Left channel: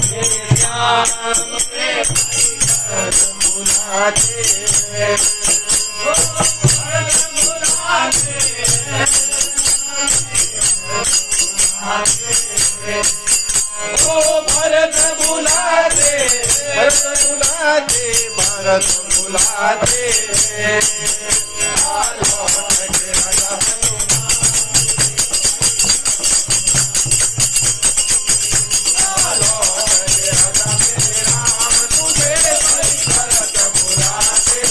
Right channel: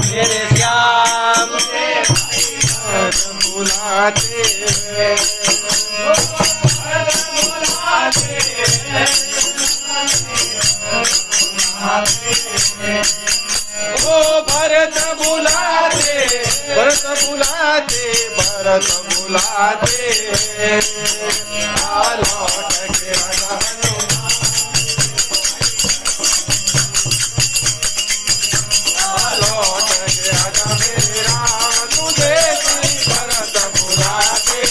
मेरे श्याम के बुलाते ओ भरत बुलाते भरत बुलाते भरत बुलाते लौट के राजा लौट के राजा मेरे राम तुझे भरत बुलाते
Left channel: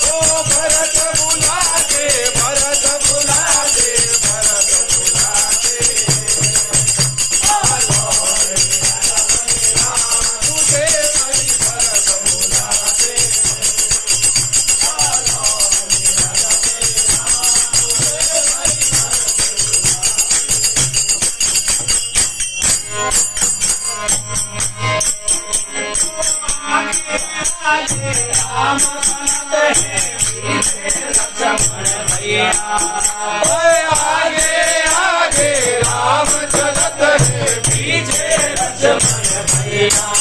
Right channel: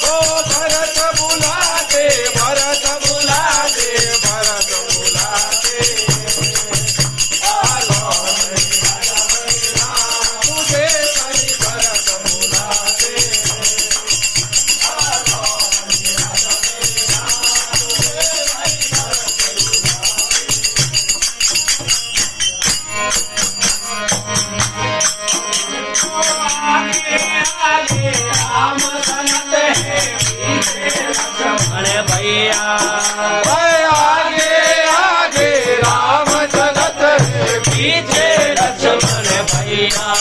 भरत बुलाते भरत बुलाते भरत बुलाते राम तुझे भरत बुलाते राम सनत है भैया आगे आगे राम चलत है पीछे लक्ष्मण भैया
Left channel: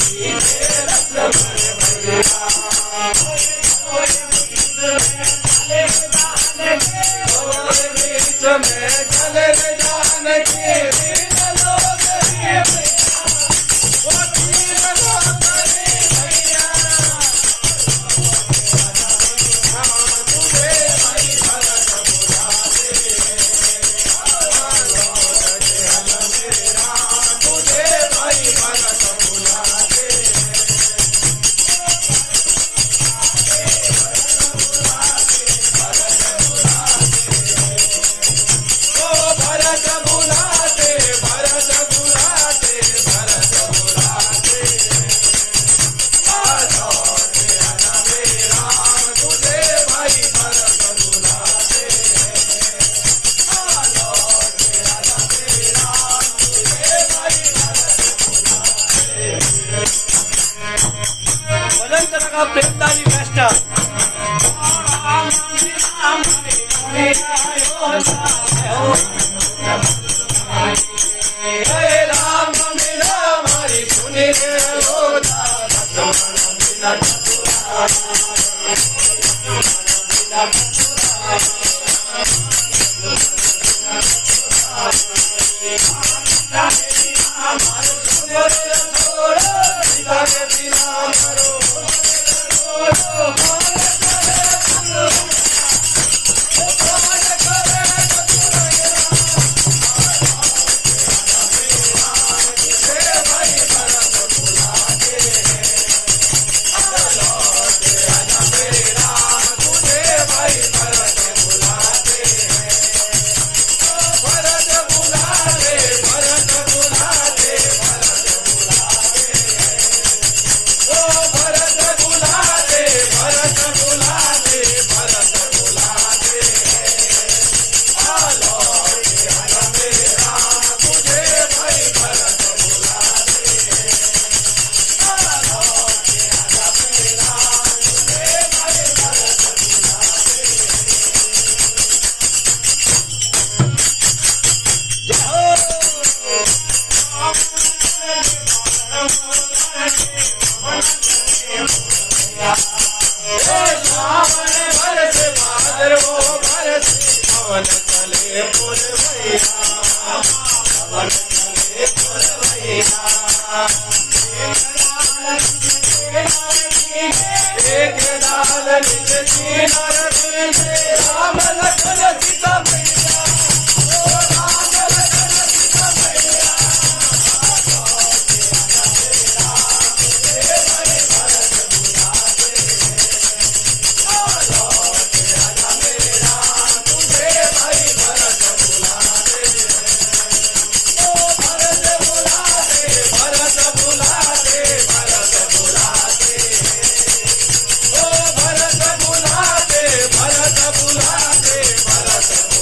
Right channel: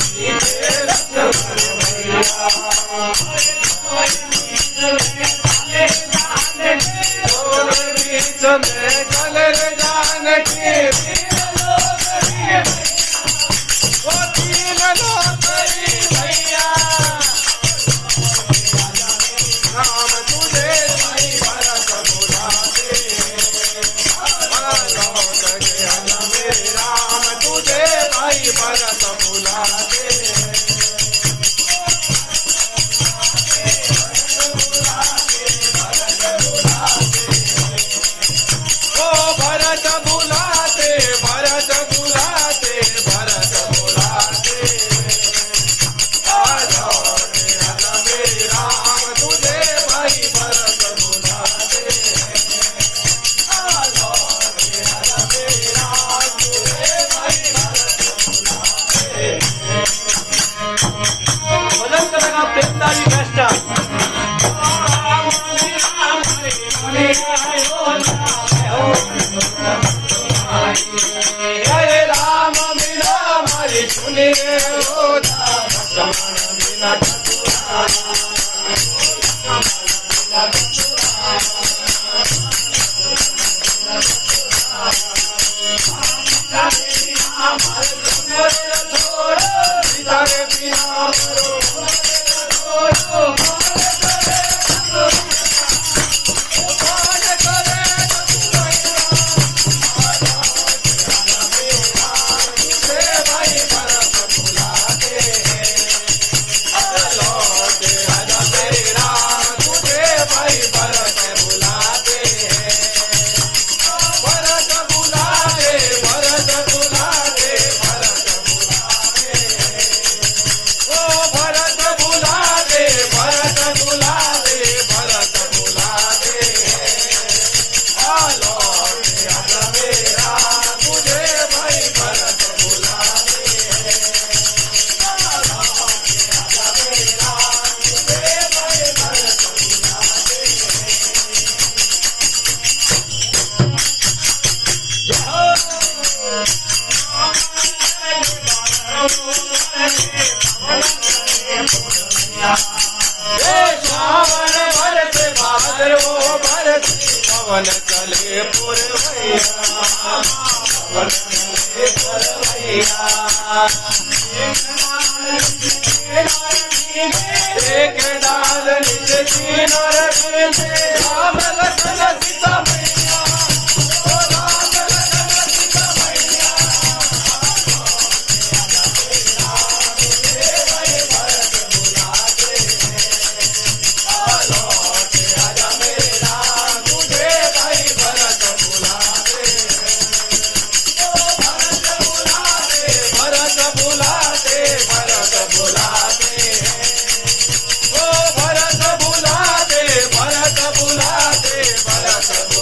पीछे लक्ष्मण भैया बीच में चल जाने के राम तुझे भरत बुलाते मेरे राम तुझे भाई भरत बुलाते ओ भरत बुलाते भरत बुलाते भरत बुलाते मेरे राम तुझे भाई भरत बुलाते भजन कथा पिताजी कष्ट हरे राम बिना हमारी सुने लक्ष्मण बिना बरसे बादल वो बरसी पवन चले पुरवैया पवन चले पुरवैया एक दान निज दीन रविंद्र राम लखन सीता मैया ओ राम लखन सीता मैया भरत बुलाते भरत बुलाते ओ भरत बुलाते भरत बुलाते भरत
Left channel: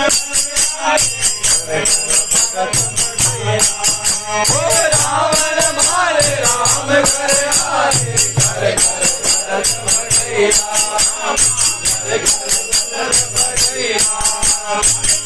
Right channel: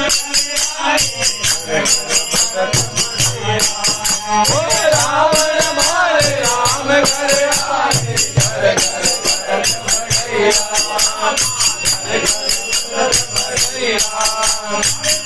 ओ रावण मारे राम घर आए, घर घर भरत बढ़ैया, घर घर भरत बढ़ैया।